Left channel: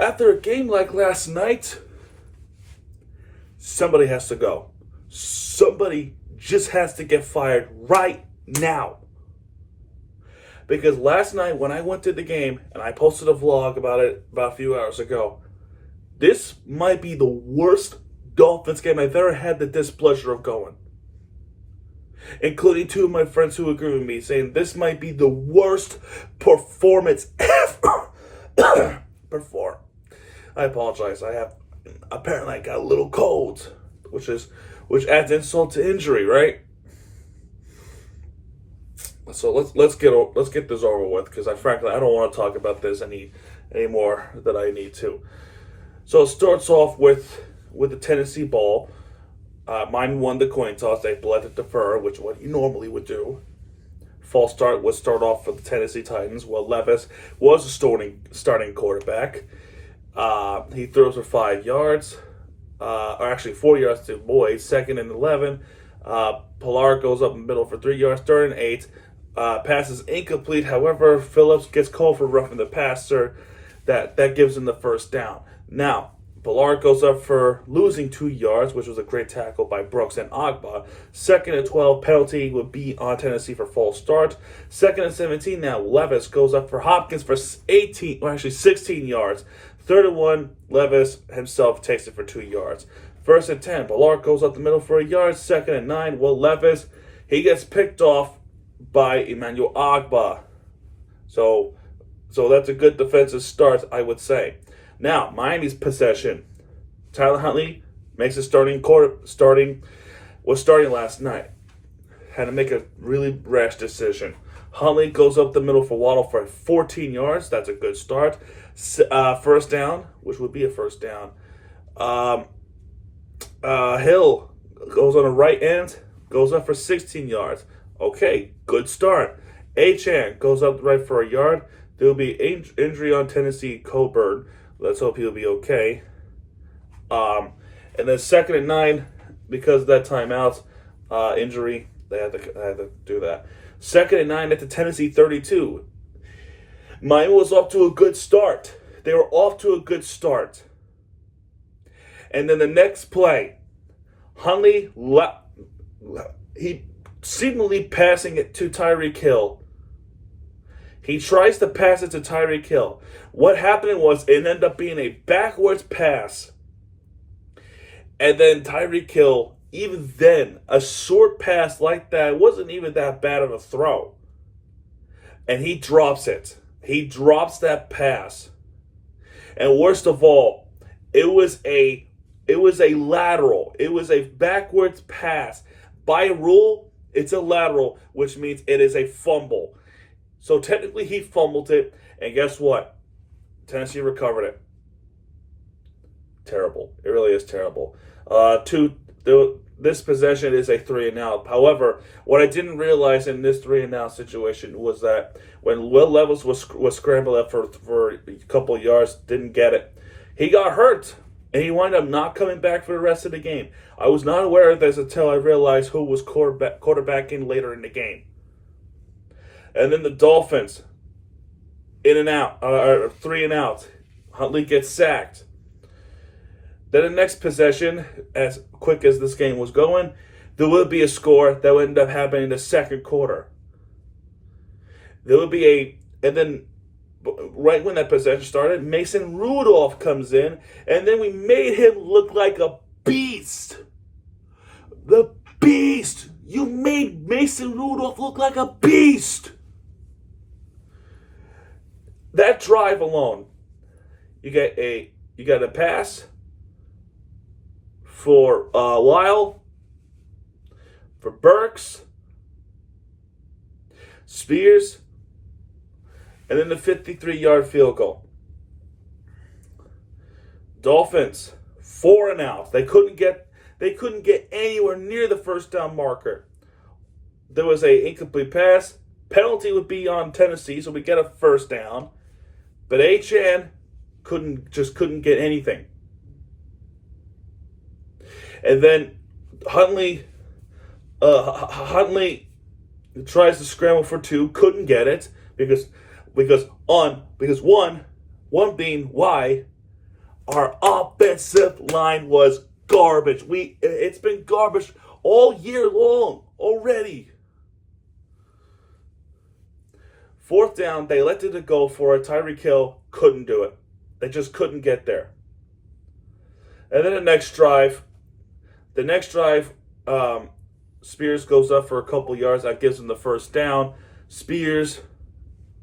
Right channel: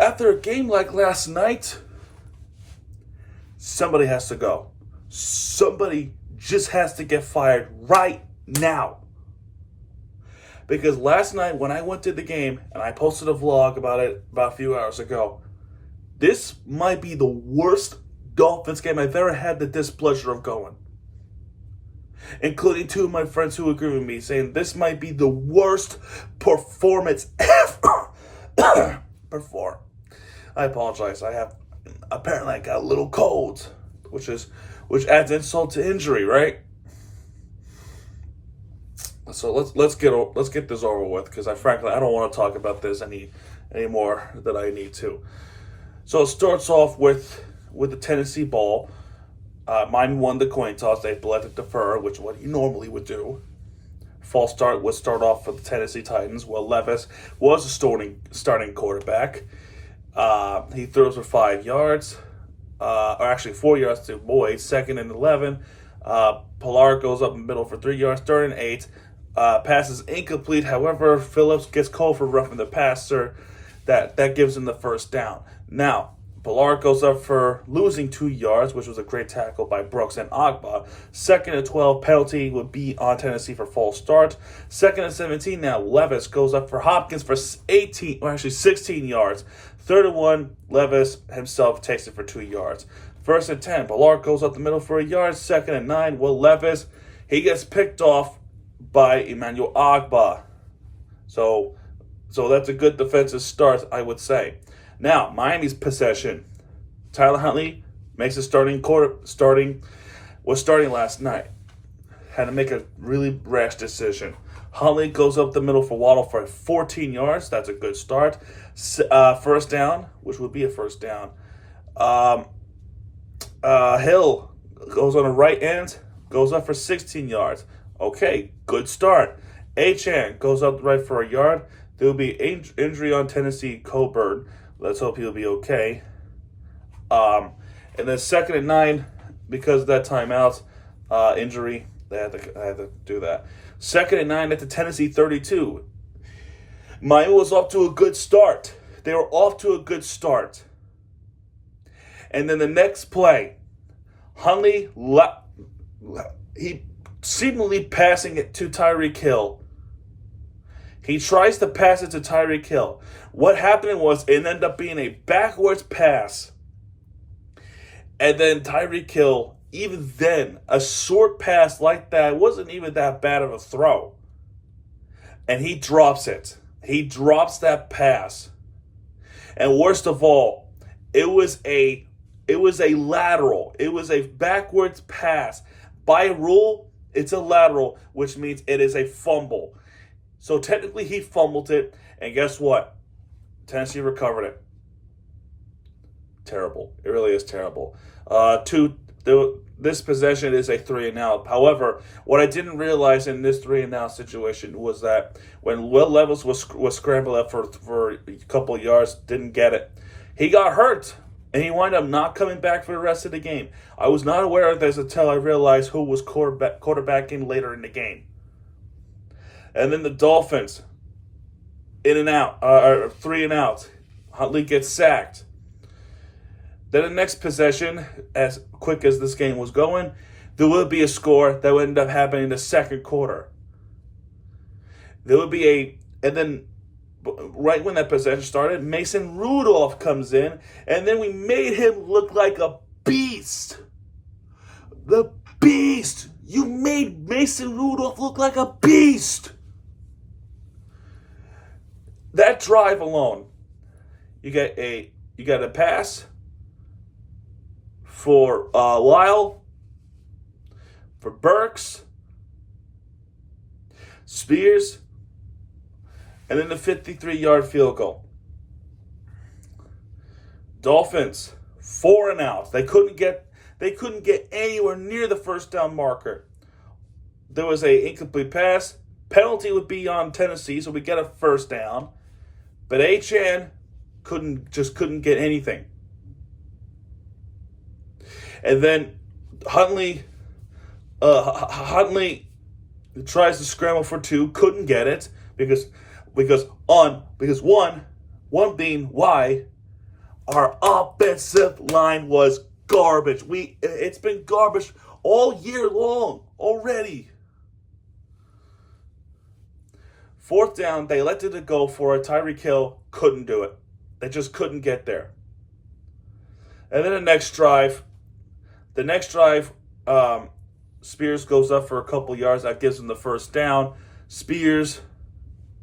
After a game like last night, somebody has to go. Somebody just has to get fired right now. Because last night when I went to the game and I posted a vlog about it about a few hours ago, this might be the worst Dolphins game I've ever had the displeasure of going. Including two of my friends who agree with me, saying this might be the worst performance ever. Perform. I apologize. Apparently I got a little cold, which adds insult to injury, right? So let's get this over with, because frankly I don't want to talk about this any more than I need to. So it starts off with the Tennessee ball. Mine won the coin toss. They elected to defer, which is what you normally would do. False start would start off for the Tennessee Titans. Well, Levis was a starting quarterback. He throws for 5 yards, or actually 4 yards to Boyd. 2nd and 11. Pilar goes up in the middle for 3 yards. 3rd and 8. Passes incomplete. However, Phillips gets called for roughing the passer. That gives him the first down. Now, Pilar goes up for losing 2 yards, which was a great tackle by Brooks and Agba. 2nd and 12, penalty would be on Tennessee for false start. 2nd and 17, now Levis goes up for Hopkins for 16 yards. 3rd and 1, Levis himself takes it for 2 yards. 1st and 10, Pilar goes up the middle for a yard. 2nd and 9, Levis, he gets picked off by Emmanuel Agba. So that's a good defensive start, I would say. Now, Miami's possession. Tyler Huntley makes a starting last night. Had to make a really rash decision. Huntley goes up the middle for Waddle for 14 yards. That's a good start. First down, which would be a first down. Hill goes on the right end, goes up for 16 yards. Okay, good start. Achane goes up right for a yard. There will be injury on Tennessee Coburn. Let's hope he'll be okay. And then 2nd and 9, because of that timeout injury, they had to do that. 2nd and 9 at the Tennessee 32. Miami was off to a good start. They were off to a good start. And then the next play, Huntley, he seemingly passing it to Tyreek Hill. He tries to pass it to Tyreek Hill. What happened was it ended up being a backwards pass. And then Tyreek Hill, even then, a short pass like that wasn't even that bad of a throw. And he drops it. He drops that pass. And worst of all, it was a lateral. It was a backwards pass. By rule, it's a lateral, which means it is a fumble. So technically he fumbled it, and guess what? Tennessee recovered it. Terrible. It really is terrible. This possession is a 3-and-out. However, what I didn't realize in this 3-and-out situation was that when Will Levis was scrambled up for a couple of yards, didn't get it. He got hurt, and he wound up not coming back for the rest of the game. I was not aware of this until I realized who was quarterbacking later in the game. And then the Dolphins, in and out, or 3-and-out. Huntley gets sacked. Then the next possession, as quick as this game was going, there would be a score that would end up happening in the second quarter. There would be and then right when that possession started, Mason Rudolph comes in, and then we made him look like a beast. The beast! You made Mason Rudolph look like a beast! That drive alone, you got a pass for Lyle, for Burks, Spears, and then the 53-yard field goal. Dolphins 4-and-out. They couldn't get anywhere near the first down marker. There was a incomplete pass. Penalty would be on Tennessee, so we get a first down. But Achane couldn't get anything. And then Huntley tries to scramble for 2, couldn't get it because one being why Our offensive line was garbage. It's been garbage all year long already. Fourth down, they elected to go for it. Tyreek Hill couldn't do it. They just couldn't get there. And then the next drive, Spears goes up for a couple yards. That gives them the first down. Spears,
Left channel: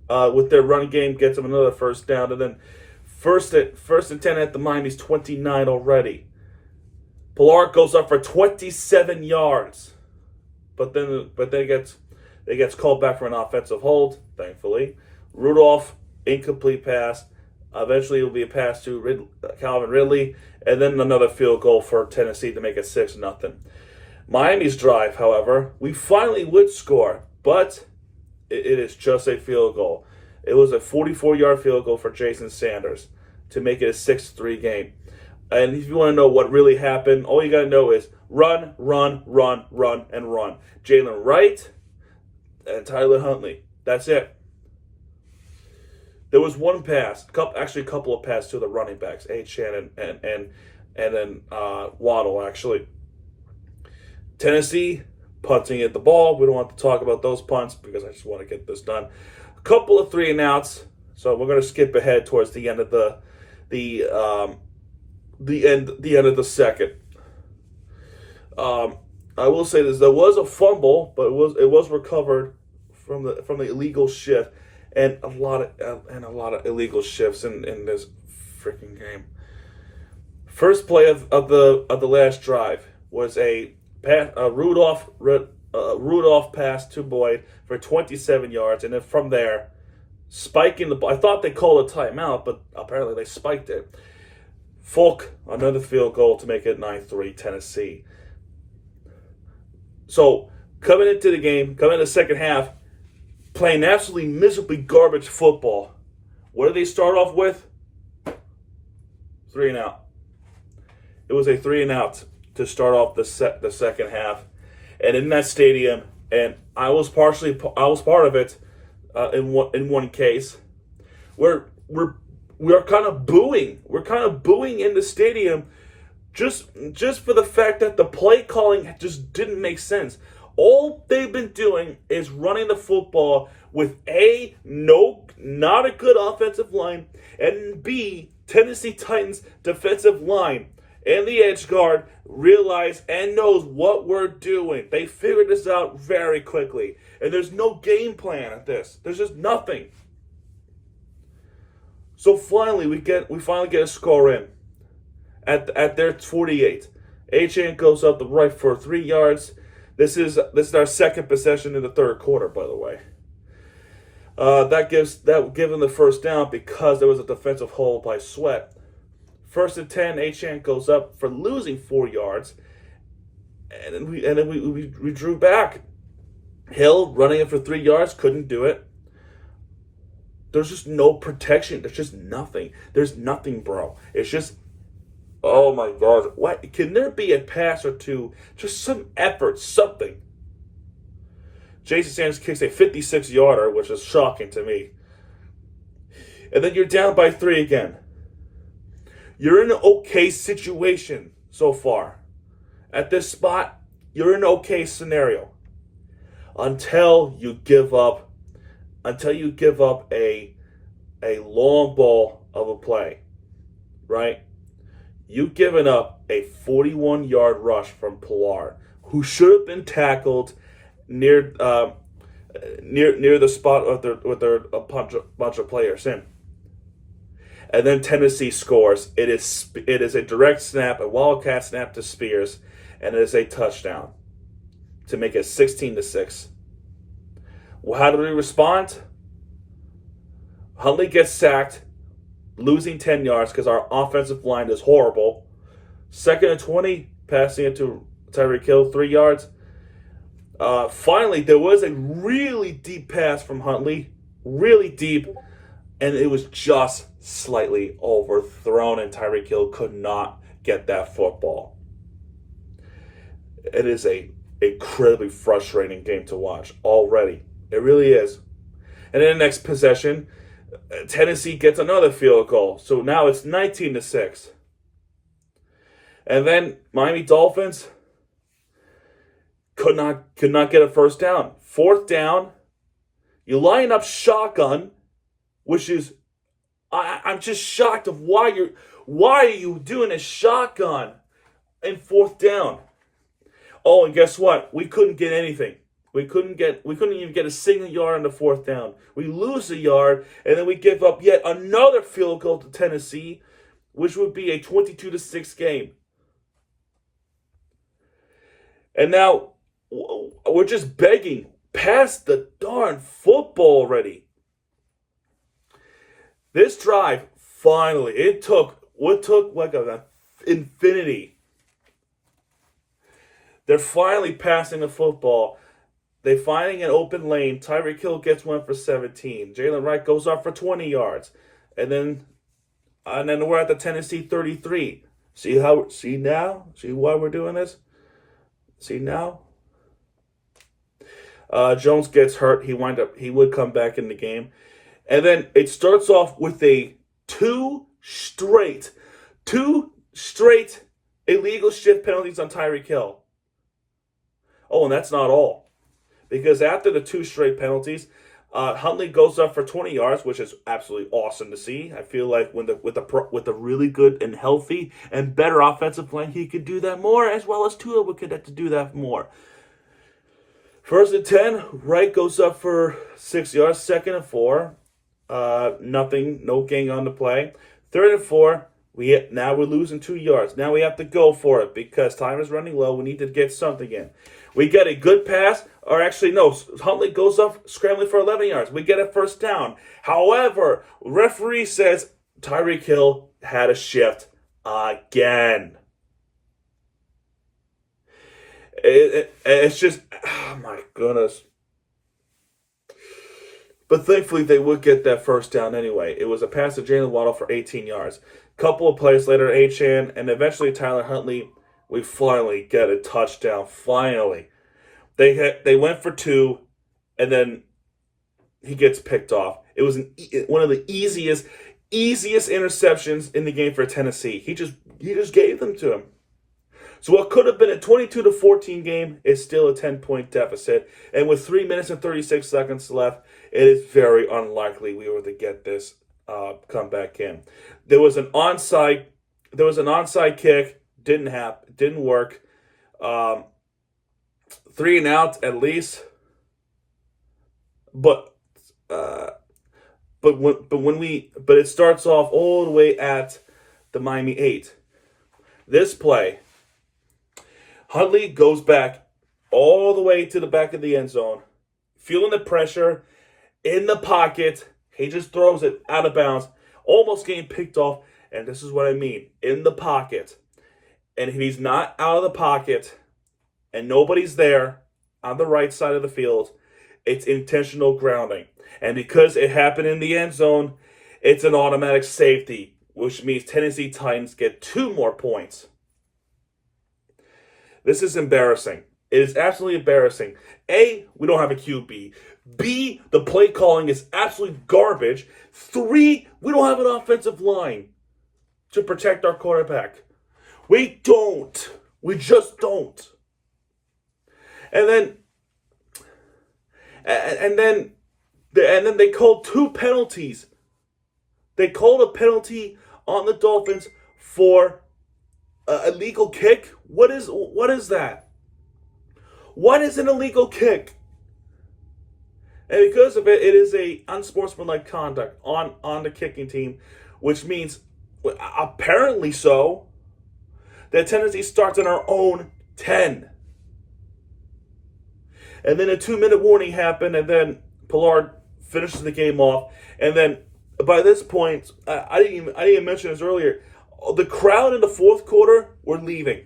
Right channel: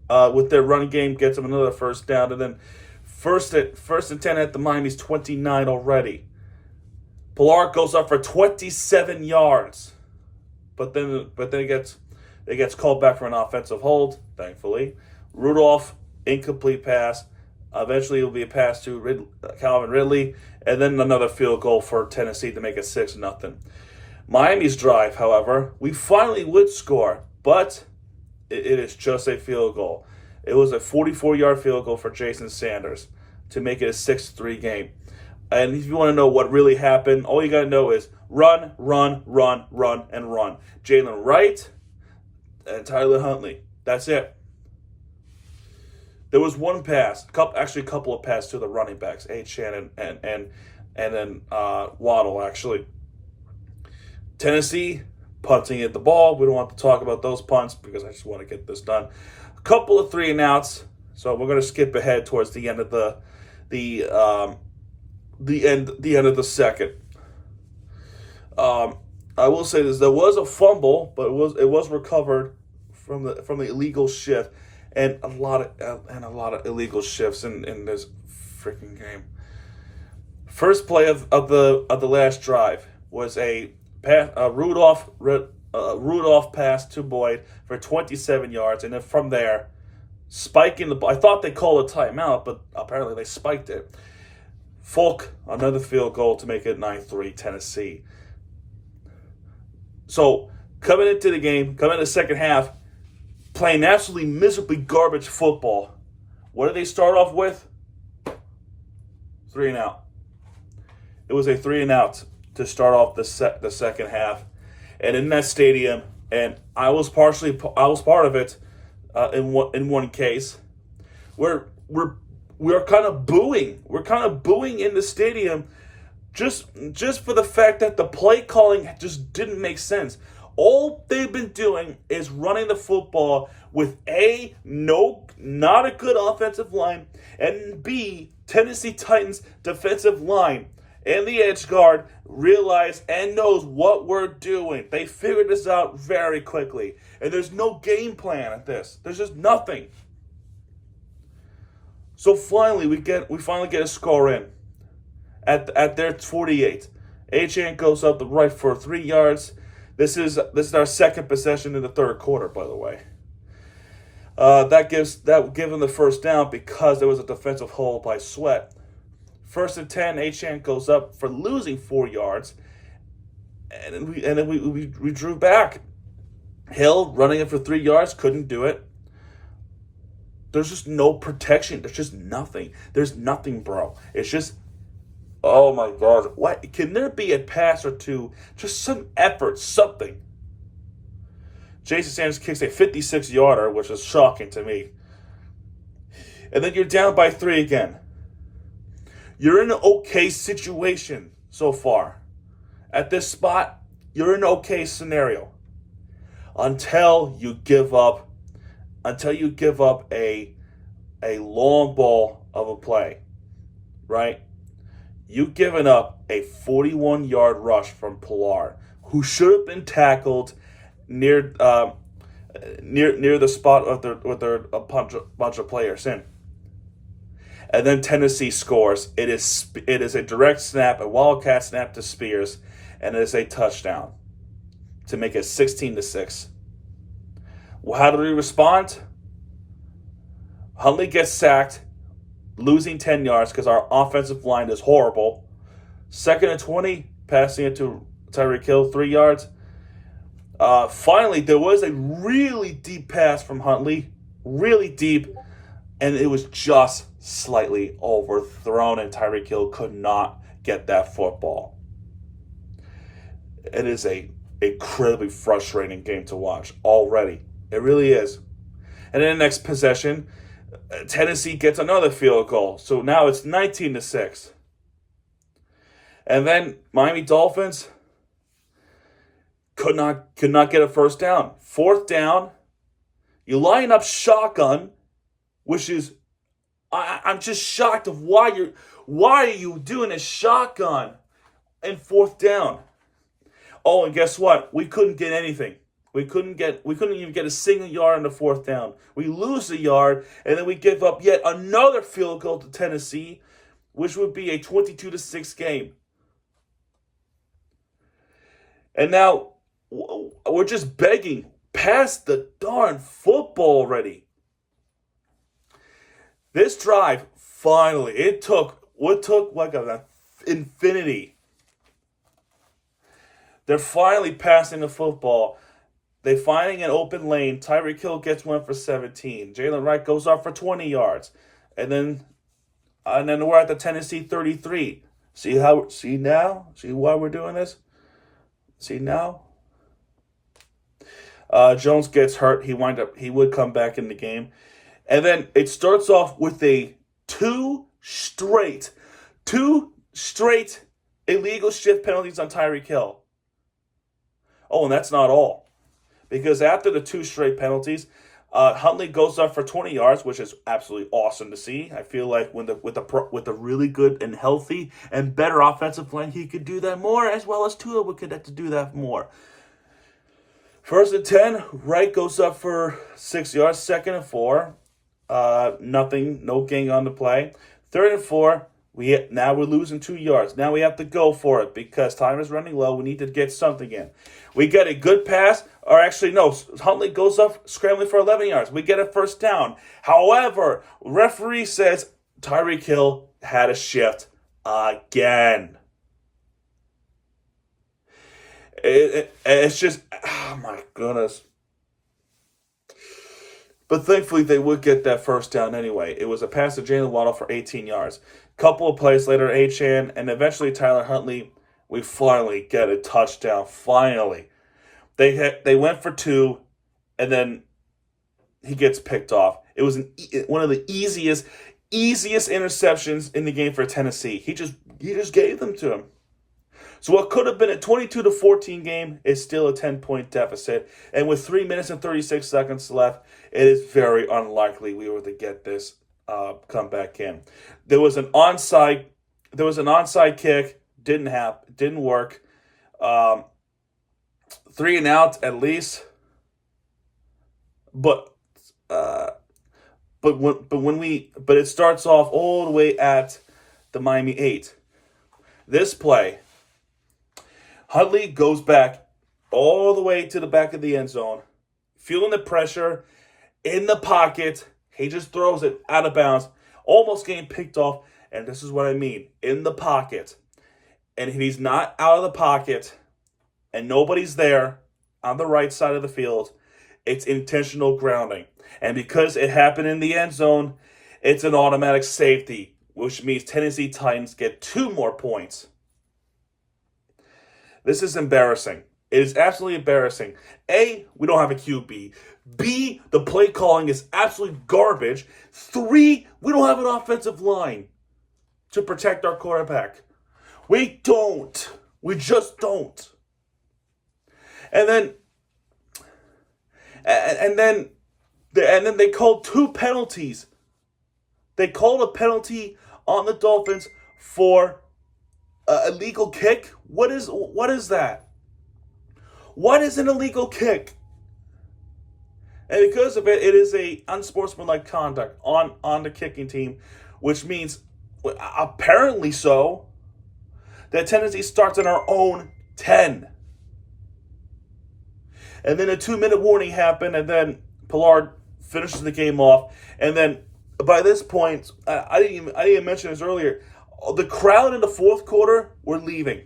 with their run game, gets them another first down. And then first and 10 at the Miami's 29 already. Pilar goes up for 27 yards. But then it gets called back for an offensive hold, thankfully. Rudolph, incomplete pass. Eventually, it will be a pass to Calvin Ridley, and then another field goal for Tennessee to make it 6-0. Miami's drive, however, we finally would score, but it is just a field goal. It was a 44-yard field goal for Jason Sanders to make it a 6-3 game. And if you want to know what really happened, all you got to know is run, run, run, run, and run. Jalen Wright and Tyler Huntley. That's it. There was one pass, actually a couple of passes to the running backs, Achane and then Waddle, actually. Tennessee punting at the ball. We don't want to talk about those punts because I just want to get this done. A couple of 3-and-outs. So we're going to skip ahead towards the end of the end of the second. I will say this: there was a fumble, but it was recovered from the illegal shift, and a lot of illegal shifts in this freaking game. First play of the last drive was a Rudolph pass to Boyd for 27 yards, and then from there, spiking the ball. I thought they called a timeout, but apparently they spiked it. Folk, another field goal to make it 9-3 Tennessee. So, coming into the second half, playing absolutely miserably garbage football. What did they start off with? 3-and-out. It was a 3-and-out to start off the second half, and in that stadium, and I was part of it in one case, where we're kind of booing. We're kind of booing in the stadium just for the fact that the play calling just didn't make sense. All they've been doing is running the football with A, not a good offensive line, and B, Tennessee Titans defensive line and the edge guard realize and knows what we're doing. They figured this out very quickly. And there's no game plan at this. There's just nothing. So finally, we finally get a score in at their 48. Achane goes up the right for 3 yards. This is our second possession in the third quarter, by the way. That give them the first down because there was a defensive hold by Sweat. First and 10, Achane goes up for losing 4 yards, and then we drew back. Hill running it for 3 yards, couldn't do it. There's just no protection. There's just nothing. There's nothing, bro. It's just, oh my God. What? Can there be a pass or two? Just some effort, something. Jason Sanders kicks a 56-yarder, which is shocking to me. And then you're down by 3 again. You're in an okay situation so far. At this spot, you're in an okay scenario. Until you give up a long ball of a play, right? You've given up a 41-yard rush from Pilar, who should have been tackled near the spot with their a bunch of players in. And then Tennessee scores. It is a direct snap, a wildcat snap to Spears, and it is a touchdown to make it 16-6. Well, how do we respond? Huntley gets sacked, losing 10 yards because our offensive line is horrible. Second and 20, passing it to Tyreek Hill, 3 yards. Finally, there was a really deep pass from Huntley, really deep, and it was just slightly overthrown, and Tyreek Hill could not get that football. It is a incredibly frustrating game to watch already. It really is. And in the next possession, Tennessee gets another field goal. So now it's 19-6. And then Miami Dolphins could not get a first down. Fourth down, you line up shotgun, which is I'm just shocked of why are you doing a shotgun in fourth down? Oh, and guess what? We couldn't get anything. We couldn't even get a single yard on the fourth down. We lose a yard, and then we give up yet another field goal to Tennessee, which would be a 22-6 game. And now we're just begging, pass the darn football already. This drive, finally, it took like an infinity. They're finally passing the football. They finding an open lane. Tyreek Hill gets one for 17. Jalen Wright goes off for 20 yards. And then we're at the Tennessee 33. See now? See why we're doing this? See now? Jones gets hurt. He would come back in the game. And then it starts off with a two straight illegal shift penalties on Tyreek Hill. Oh, and that's not all. Because after the two straight penalties, Huntley goes up for 20 yards, which is absolutely awesome to see. I feel like with a really good and healthy and better offensive line, he could do that more, as well as Tua would get to do that more. First and 10, Wright goes up for 6 yards. Second and 4, nothing, no gain on the play. Third and 4. Now we're losing 2 yards. Now we have to go for it because time is running low. We need to get something in. We get a good pass, or actually no, Huntley goes up scrambling for 11 yards. We get a first down. However, referee says Tyreek Hill had a shift again. It's just, oh my goodness. But thankfully, they would get that first down anyway. It was a pass to Jalen Waddle for 18 yards. Couple of plays later, Achane, and eventually Tyler Huntley, we finally get a touchdown. Finally. They went for 2, and then he gets picked off. It was one of the easiest interceptions in the game for Tennessee. He just gave them to him. So what could have been a 22-14 game is still a 10-point deficit. And with 3 minutes and 36 seconds left, it is very unlikely we were to get this come back in. There was an onside kick, didn't work. 3 and out at least. But it starts off all the way at the Miami 8. This play, Huntley goes back all the way to the back of the end zone, feeling the pressure in the pocket. He just throws it out of bounds, almost getting picked off. And this is what I mean, in the pocket. And if he's not out of the pocket and nobody's there on the right side of the field, it's intentional grounding. And because it happened in the end zone, it's an automatic safety, which means Tennessee Titans get 2 more points. This is embarrassing. It is absolutely embarrassing. A, we don't have a QB. B, the play calling is absolutely garbage. 3, we don't have an offensive line to protect our quarterback. We don't. We just don't. And then they called 2 penalties. They called a penalty on the Dolphins for a illegal kick. What is that? What is an illegal kick? And because of it, it is a unsportsmanlike conduct on the kicking team, which means, apparently so, that Tennessee starts on our own 10. And then a 2-minute warning happened, and then Pollard finishes the game off. And then by this point, I didn't even mention this earlier, the crowd in the fourth quarter were leaving.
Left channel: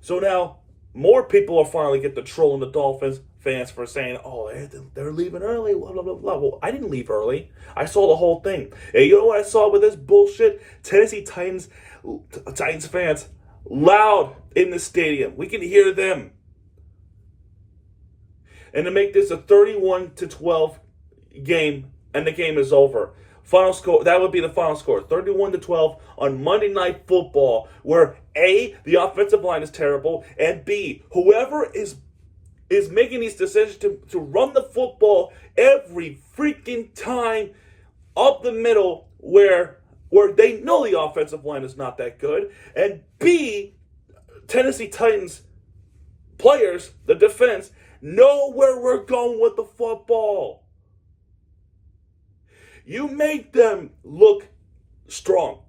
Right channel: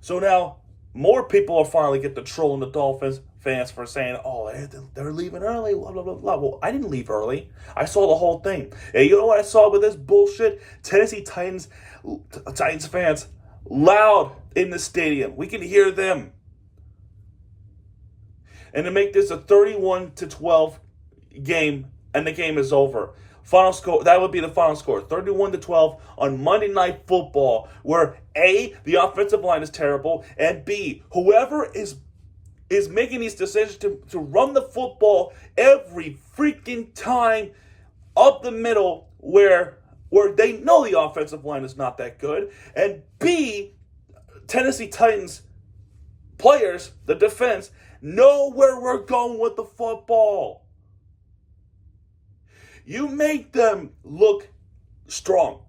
So now more people are finally get the trolling the Dolphins fans for saying, oh, they're leaving early, blah, blah, blah, blah. Well, I didn't leave early. I saw the whole thing. And you know what I saw with this bullshit? Tennessee Titans fans loud in the stadium. We can hear them. And to make this a 31-12 game, and the game is over. Final score, that would be the final score, 31-12 on Monday Night Football, where A, the offensive line is terrible, and B, whoever is making these decisions to run the football every freaking time up the middle where they know the offensive line is not that good, and B, Tennessee Titans players, the defense, know where we're going with the football. You made them look strong.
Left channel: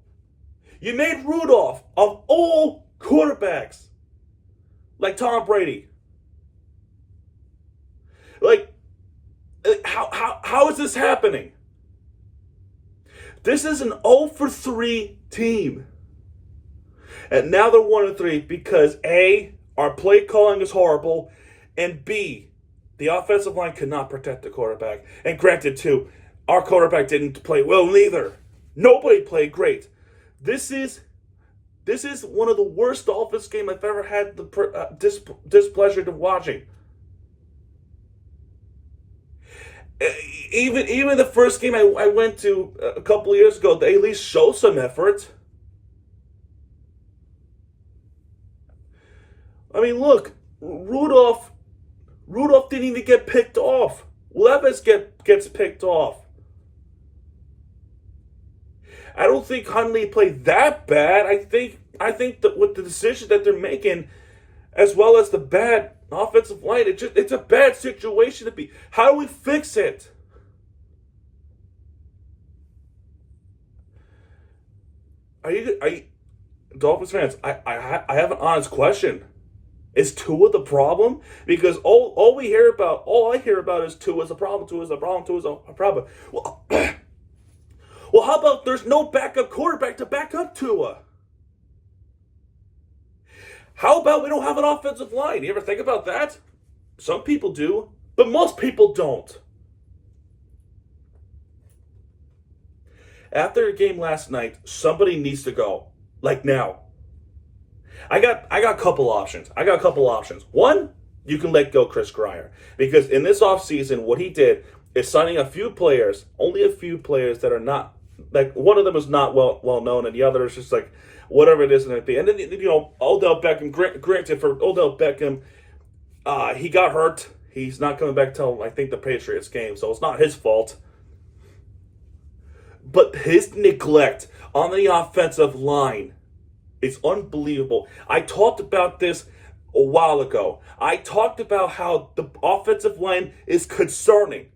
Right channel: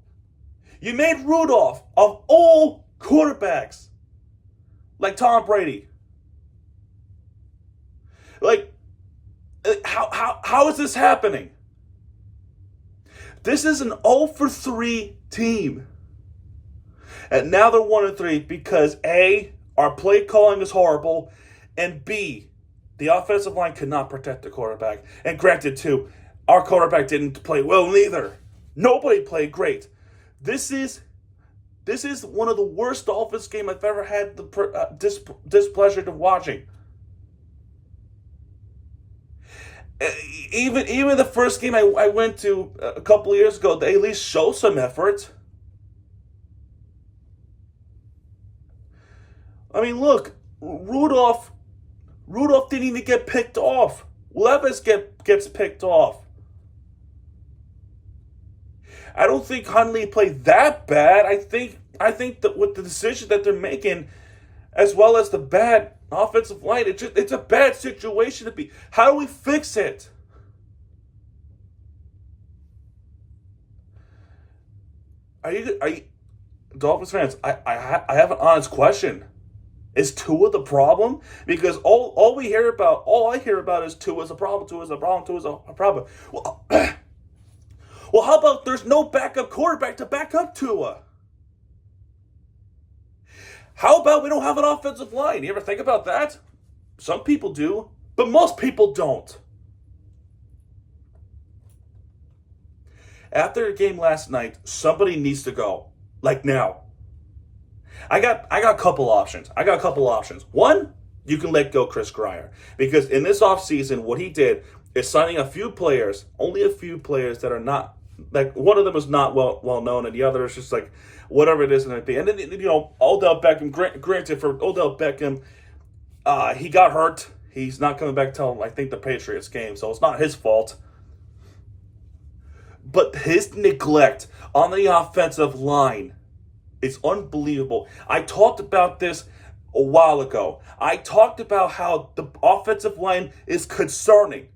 You made Rudolph, of all quarterbacks, like Tom Brady. Like, how is this happening? This is an 0-for-3 team. And now they're 1-3 because A, our play calling is horrible, and B, the offensive line could not protect the quarterback. And granted, too, our quarterback didn't play well neither. Nobody played great. This is one of the worst Dolphins game I've ever had the displeasure to watching. Even the first game I went to a couple of years ago, they at least showed some effort. I mean, look, Rudolph didn't even get picked off. Levis gets picked off. I don't think Hundley played that bad. I think that with the decision that they're making, as well as the bad offensive line, it's a bad situation to be. How do we fix it? Are you Dolphins fans? I have an honest question. Is Tua the problem? Because all I hear about is Tua's a problem. Tua's a problem. Tua's a problem. Well, how about there's no backup quarterback to back up Tua? How about we don't have an offensive line? You ever think about that? Some people do, but most people don't. After a game last night, somebody needs to go. Like now. I got a couple options. One, you can let go Chris Grier. Because in this offseason, what he did is signing only a few players that are not, like one of them is not well known, and the other is just like whatever it is. And then, Odell Beckham, granted for Odell Beckham, he got hurt. He's not coming back till, I think, the Patriots game, so it's not his fault. But his neglect on the offensive line is unbelievable. I talked about this a while ago. I talked about how the offensive line is concerning.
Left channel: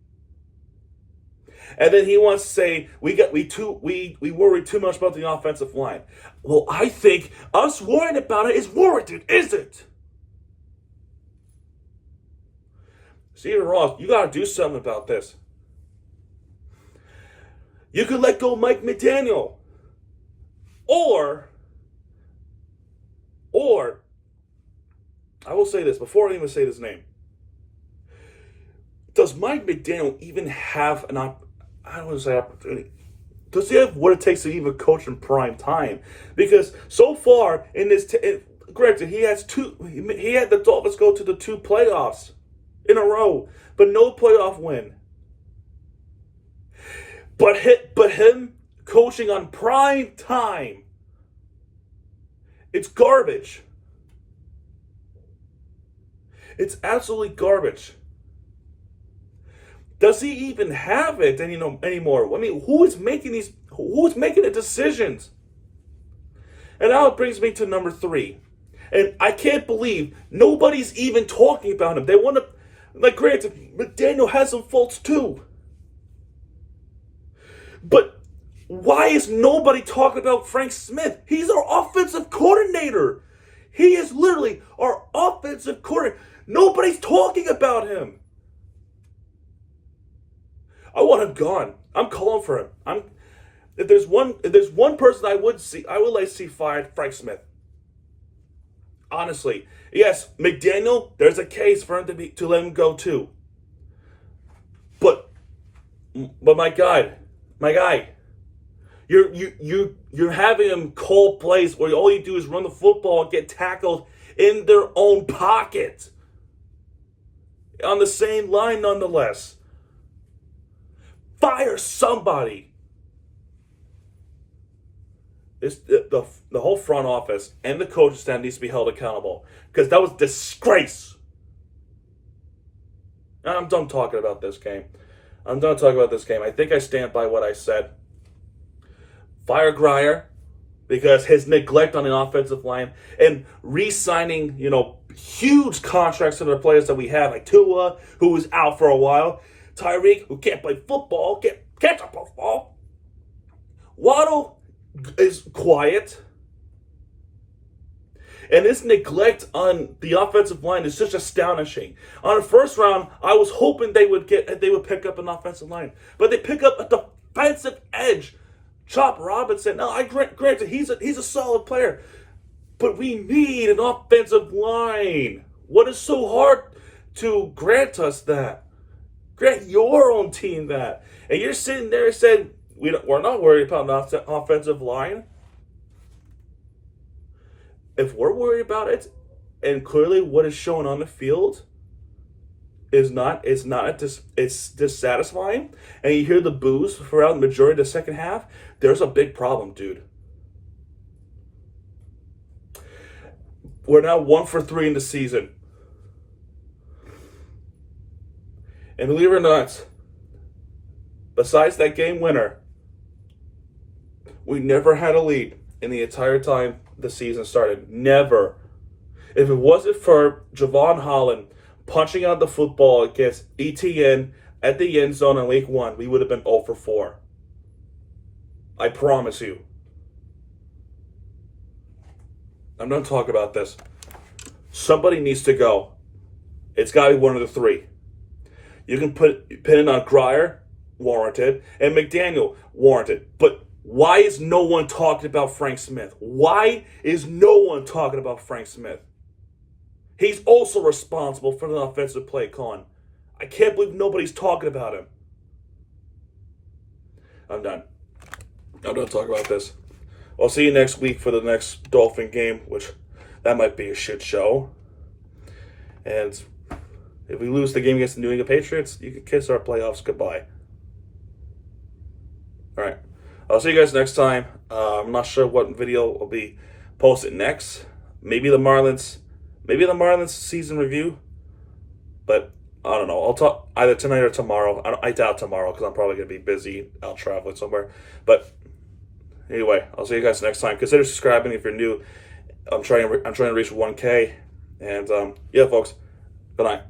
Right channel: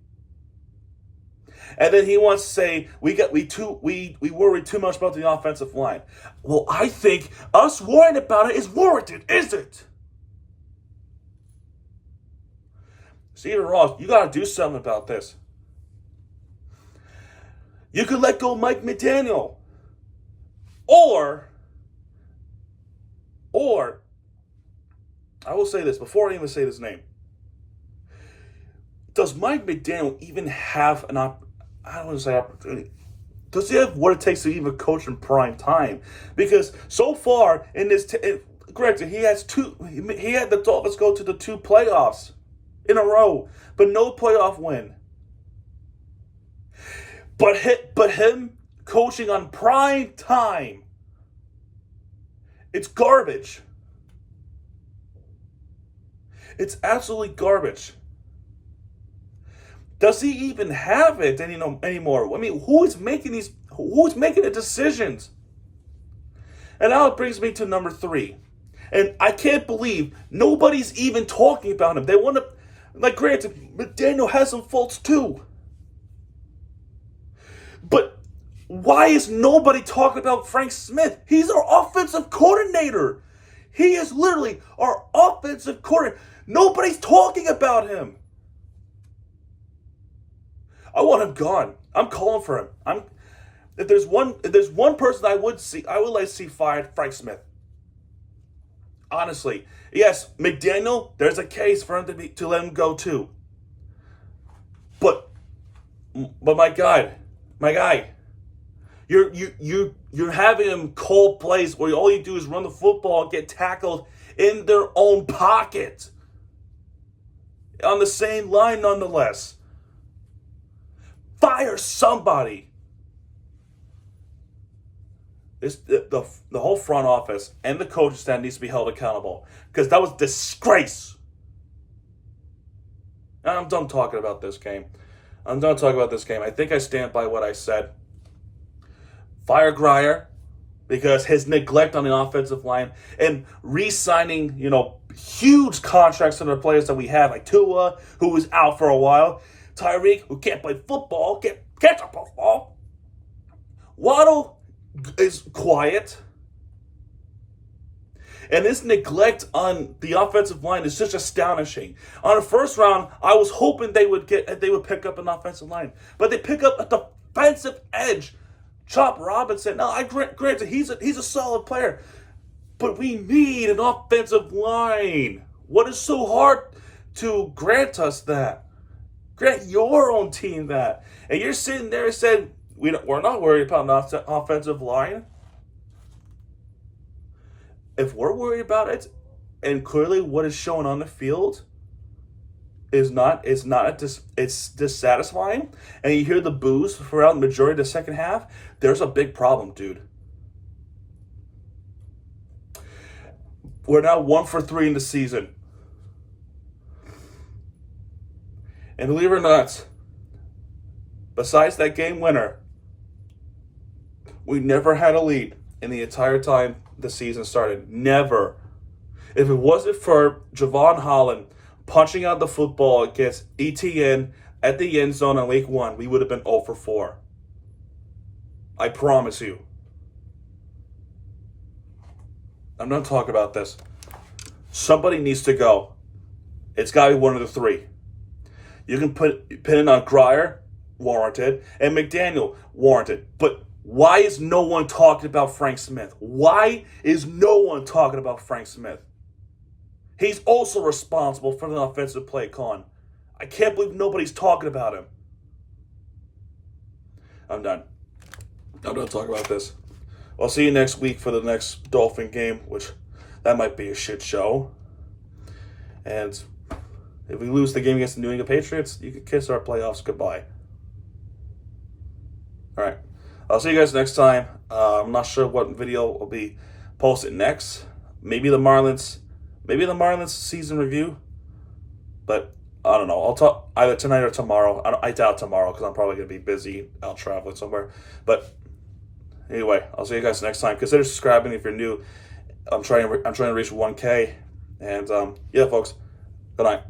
And then he wants to say we worry too much about the offensive line. Well, I think us worrying about it is warranted, is it? Stephen Ross, you got to do something about this. You could let go Mike McDaniel. Or I will say this before I even say this name. Does Mike McDaniel even have I don't want to say opportunity. Does he have what it takes to even coach in prime time? Because so far in this, granted, he had the Dolphins go to the 2 playoffs in a row, but no playoff win. But him coaching on prime time, it's garbage. It's absolutely garbage. Does he even have it anymore? I mean, who's making the decisions? And now it brings me to number 3. And I can't believe nobody's even talking about him. They want to, like, granted, McDaniel has some faults too. But why is nobody talking about Frank Smith? He's our offensive coordinator. He is literally our offensive coordinator. Nobody's talking about him. I want him gone. I'm calling for him. If there's one person I would like to see fired, Frank Smith. Honestly, yes, McDaniel. There's a case for him to let him go too. But my guy, you're having him call plays where all you do is run the football and get tackled in their own pocket. On the same line, nonetheless. Fire somebody. The whole front office and the coaching staff needs to be held accountable because that was disgrace. And I'm done talking about this game. I think I stand by what I said. Fire Grier because his neglect on the offensive line and re-signing, huge contracts to the players that we have, like Tua, who was out for a while, Tyreek, who can't play football, can't catch a football. Waddle is quiet. And this neglect on the offensive line is just astonishing. On the first round, I was hoping they would pick up an offensive line, but they pick up a defensive edge. Chop Robinson. Now, granted, he's a solid player, but we need an offensive line. What is so hard to grant us that? Grant your own team that, and you're sitting there saying we're not worried about an offensive line. If we're worried about it, and clearly what is shown on the field is it's dissatisfying, and you hear the boos throughout the majority of the second half, there's a big problem, dude. We're now 1 for 3 in the season. And believe it or not, besides that game winner, we never had a lead in the entire time the season started. Never. If it wasn't for Javon Holland punching out the football against ETN at the end zone in week 1, we would have been 0 for 4. I promise you. I'm done talking about this. Somebody needs to go. It's got to be one of the three. You can pin it on Grier, warranted, and McDaniel, warranted. But why is no one talking about Frank Smith? Why is no one talking about Frank Smith? He's also responsible for the offensive play calling. I can't believe nobody's talking about him. I'm done talking about this. I'll see you next week for the next Dolphin game, which that might be a shit show. And if we lose the game against the New England Patriots, you can kiss our playoffs goodbye. All right. I'll see you guys next time. I'm not sure what video will be posted next. Maybe the Marlins season review. But I don't know. I'll talk either tonight or tomorrow. I doubt tomorrow because I'm probably going to be busy out traveling somewhere. But anyway, I'll see you guys next time. Consider subscribing if you're new. I'm trying to reach 1K. And yeah, folks, good night.